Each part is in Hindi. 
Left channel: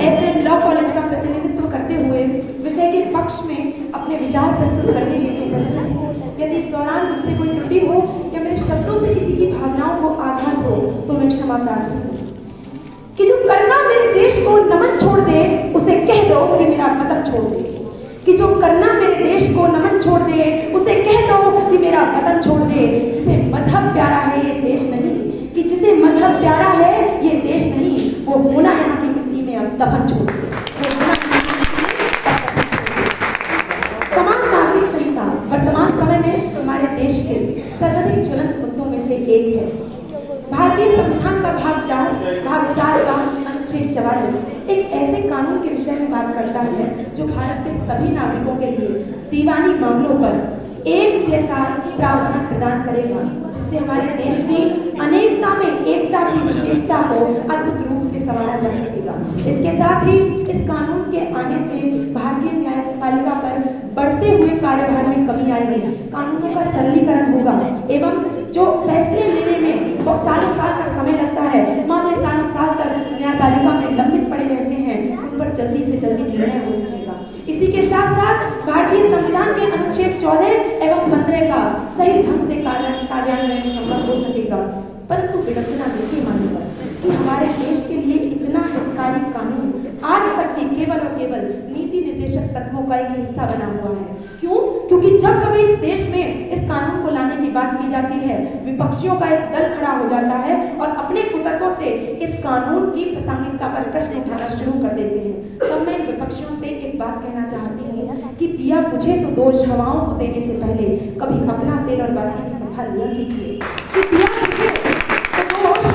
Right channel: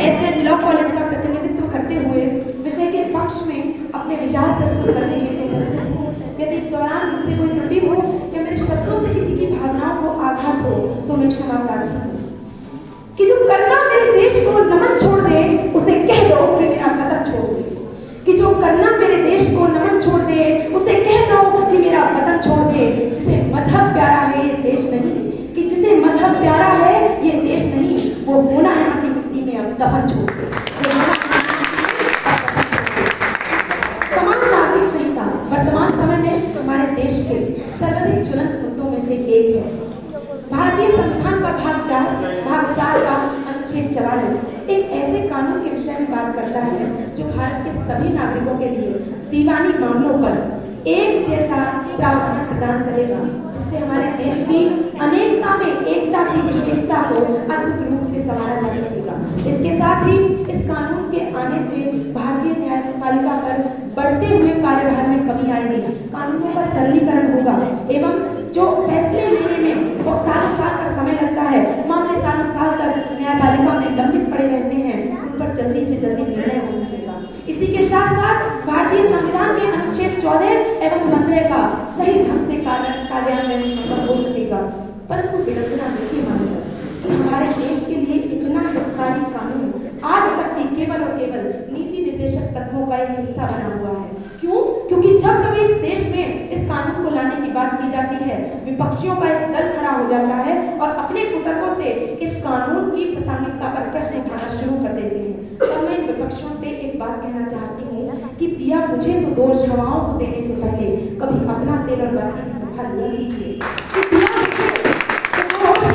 ऐसे लॉ कॉलेज का प्रतिनिधित्व करते हुए विषय के पक्ष में अपने विचार प्रस्तुत करने के यदि इस दौरान मुझसे कोई त्रुटि हो या मेरे शब्दों से किसी की भावनाओं को आघात हो तो मैं क्षमा प्रार्थी हूँ। कि जो करना मेरे देश को नमन छोड़ दे उसे कह दो कि मेरा वतन छोड़ दे। कि जो करना मेरे देश को नमन छोड़ दे उसे कह दो कि मेरा वतन छोड़ दे। जिसे मजहब प्यारा है ये देश नहीं, कि जिसे मजहब प्यारा है ये देश नहीं, वो होना यहाँ की मिट्टी में अब दफन छोड़ दे। समान नागरिक संहिता वर्तमान समय में हमारे देश के सर्वाधिक ज्वलंत मुद्दों में से एक है। भारतीय संविधान का भाग 4 का अनुच्छेद 44 एक ऐसे कानून के विषय में बात करता है जो भारत के सभी नागरिकों के लिए दीवानी मामलों पर एक जैसा प्रावधान प्रदान करेगा, जिससे हमारे देश की अनेकता में एकता की विशेषता को अद्भुत रूप से संवारा जा सकेगा। इसके साथ ही इस कानून के आने से भारतीय न्यायपालिका पर बढ़ते हुए कार्यभार में कमी आएगी, कानूनों का सरलीकरण होगा एवं जो फैसले लेने में सालों साल का समय लगता है, मामले सालों साल तक न्यायपालिका में लंबित पड़े रहते हैं, उन पर जल्दी से जल्दी निर्णय हो सकेगा। इसी के साथ साथ भारतीय संविधान के अनुच्छेद 14 एवं 15 का सही ढंग से कार्यान्वयन संभव हो सकेगा। परंतु विडंबना देखिए हमारे देश के लिए इतना हितकारी कानून आज तक के केवल और केवल नीति निर्देशक तत्वों का एक हिस्सा बना हुआ है। क्यों? क्योंकि जब कभी इस देश में इस कानून को लाने की बात की जाती है, विपक्षियों का एक दल खड़ा हो जाता है और अपने कुतर्कों से इस कानून की प्रासंगिकता पर प्रश्न उठाना शुरू कर देते हैं। तो मैं विपक्षियों से एक बात कहना चाहती हूँ कि दिया बुझे तो दोष हवाओं को देने से पहले कभी अपना तेल और बाती की संभाल लिया कीजिए।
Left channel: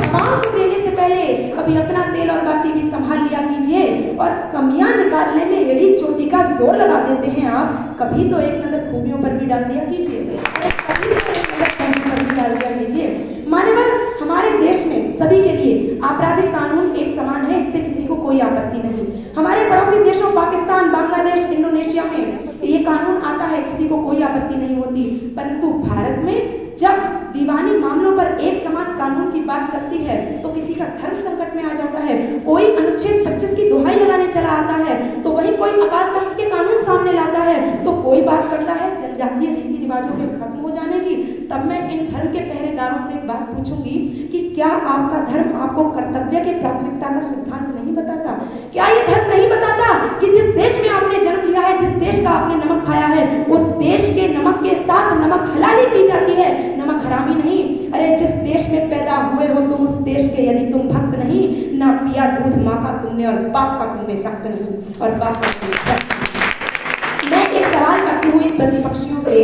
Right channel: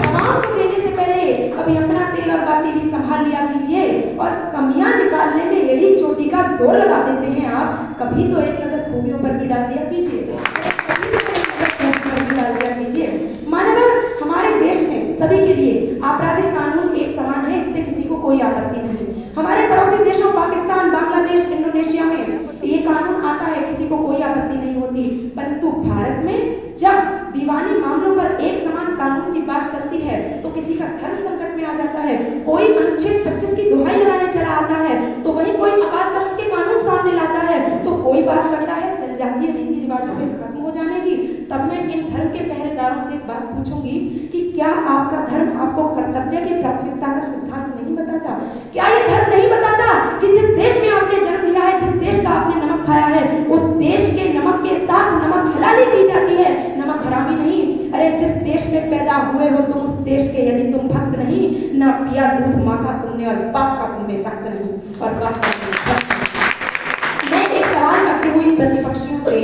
हवाओं को देने से पहले कभी अपना तेल और बाती भी संभाल लिया कीजिए। और कमियां निकालने में यदि चोटी का जोर लगा देते हैं आप, कभी तो एक नजर खूबियों पर भी डाल दिया कीजिए। मानव हमारे देश में सभी के लिए आपराधिक कानून एक समान है, इससे किसी को कोई आपत्ति नहीं। हमारे पड़ोसी देशों पाकिस्तान, बांग्लादेश, इंडोनेशिया में ये कानून आता है, किसी को कोई आपत्ति नहीं होती। परंतु भारत में जब दीवानी मामलों पर एक समान कानून की बात चलती है तो किसी का धर्म संकट में आ जाता है, कोई अनुच्छेद 25 की दुहाई लगाने चला आता है, तो वही कोई अकाल तख्त के कानून सामने लाता है, तो कोई बात करता है जनजातीय रीति रिवाजों में खत्म हो जाने की। तब मैं इन धर्म के पहरेदारों से एक बात पूछूंगी कि क्या आपका धर्म आपको कर्तव्य की प्राथमिकता का सिद्धांत नहीं बताता? क्या ये धर्म नहीं बताता कि जिस देश में आपने जन्म लिया है, जिस देश का आपने नमक खाया है, उस देश के नमक के साथ नमक हलाली की जाती है, नमक हरामी नहीं। अरे जिस देश में पैदा हुए हो तुम, उस देश के यदि तुम भक्त नहीं, ना पिया दूध माँ का तुमने और बाप का तुम्हें रक्त नहीं और बाप का तुम्हें। मैं एक सवाल करती हूँ इन प्रतिपक्षियों से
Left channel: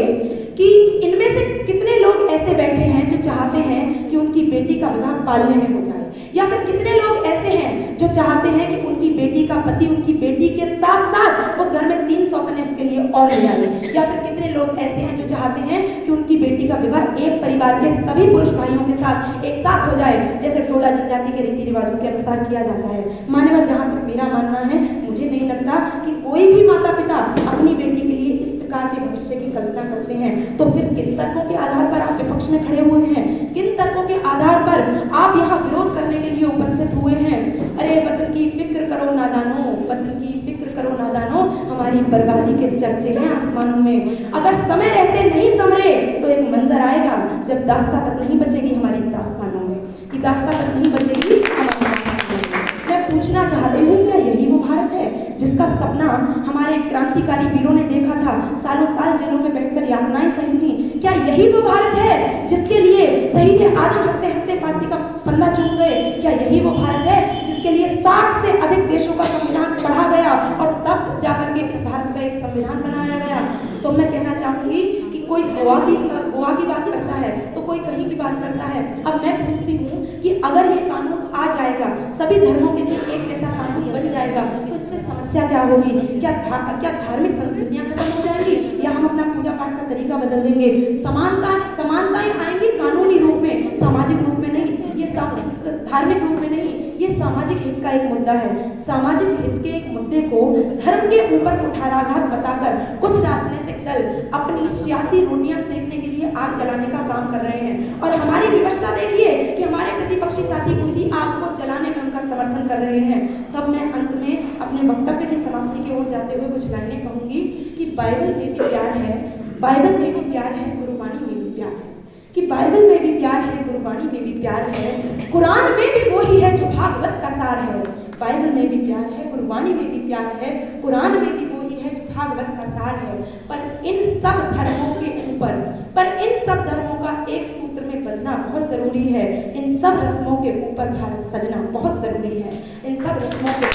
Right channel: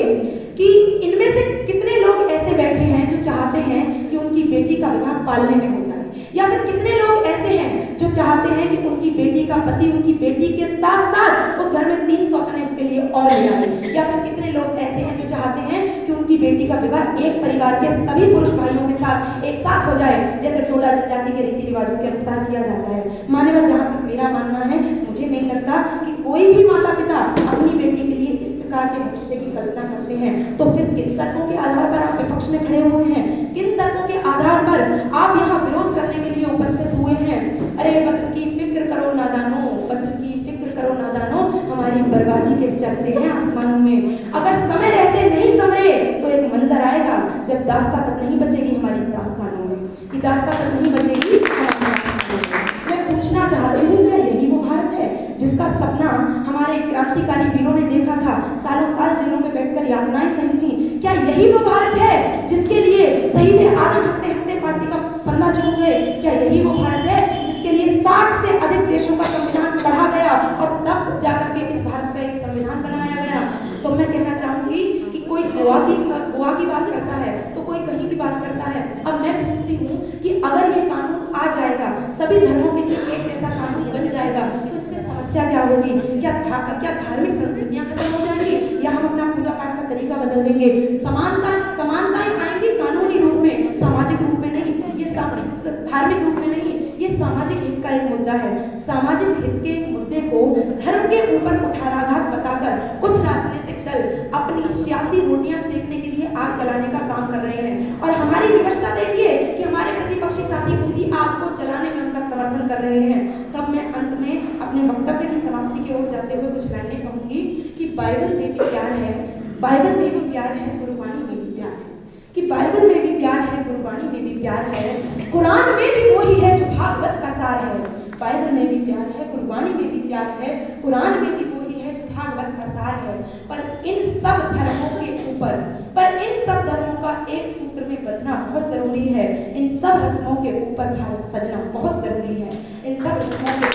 कि इनमें से कितने लोग ऐसे बैठे हैं जो चाहते हैं कि उनकी बेटी का विवाह पालने में हो जाए, या फिर कितने लोग ऐसे हैं जो चाहते हैं कि उनकी बेटी का पति उनकी बेटी के साथ साथ उस घर में 3 सौतने उसके लिए और ले आए, या फिर कितने लोग ऐसे हैं जो चाहते हैं कि उनकी बेटी का विवाह एक परिवार के सभी पुरुष भाइयों के साथ एक साथ हो जाए, जैसे टोला जनजाति के रीति रिवाजों के अनुसार किया जाता है। मान्यवर, जहाँ तक मेरा मानना है, मुझे नहीं लगता कि कोई भी माता पिता अपनी बेटी के लिए इस प्रकार के भविष्य की कल्पना करते हैं। तो फिर किन तर्कों के आधार पर आप विपक्ष में खड़े हुए हैं? किन तर्कों के आधार पर आप यहाँ विरोध करने के लिए उपस्थित हुए हैं? अरे वतन की फिक्र करो नादानो, वतन की फिक्र करो नादानो, हमारी बर्बादी के चर्चे हैं आसमानों में। अगर समय रहते नहीं समरे तो एक मंजर आएगा जब दास्तां तक नहीं बचेगी हमारी दास्तानों में, कि दास्तां तक नहीं बचेगी। मैं पूछना चाहती हूँ, क्या यही वो भारत है जिसका सपना हमारे क्रांतिकारी वीरों ने देखा था, सालों साल जेलों में बैठकर यातनाएं सही थी? क्या यही वो भारत है जिसके लिए शहीद आदम हंसते हंसते फांसी का फंदा चूम गए? क्या यही वो भारत है जिसके लिए 60 से अधिक देशों का संविधान पढ़ा गया और तब जाकर के इस भारत का एक संविधान बनाया गया? तो मैं कहना चाहूंगी कि कोई गोवा की बात करता है तो कोई कहीं की बात करता है। अब मैं पूछती हूँ कि अगर ये कानून आ जाएगा, सभी धर्मों के लिए एक जैसा कानून बन जाएगा, तो इससे समस्या क्या होगी? क्या धार्मिक संस्कृतियां खत्म हो जाएंगी, या हम अपना पूजा पाठ का तरीका बदल देंगे? समानताएं आएंगी कानूनी रूप में, सामाजिक रूप में नहीं। ये धार्मिक रूप में नहीं, ये सामाजिक हित का एक मुद्दा है। सामाजिक हित के एक मुद्दे को धर्म के ऊपर कुठाराघात बताकर कुछ राजनीतिक दल अपनी सियासी रोटियां सेकने के लिए आग जलाने का काम कर रहे हैं। और हमारी विवशता देखिए कि हमारे प्रतिपक्षी साथी उसी आग को जलाने में उनका समर्थन कर रहे हैं। तब मैं अंत में बाइबल में भी प्यार है, गुरबानी में भी प्यार है, कि बाइबल में भी प्यार है, गुरबानी में भी प्यार है, कुरान में भी वही है जो भागवत का सार है। बाइबल में भी प्यार है, गुरबानी में भी प्यार है, कुरान में भी वही है जो भागवत का सार है। पर इन सब धर्मों के ऊपर, पर इन सब धर्मों का एक सूत्र में बंधना बहुत जरूरी है। इन सब रस्मों के ऊपर भारत सजना बहुत जरूरी है। इन सब रस्मों के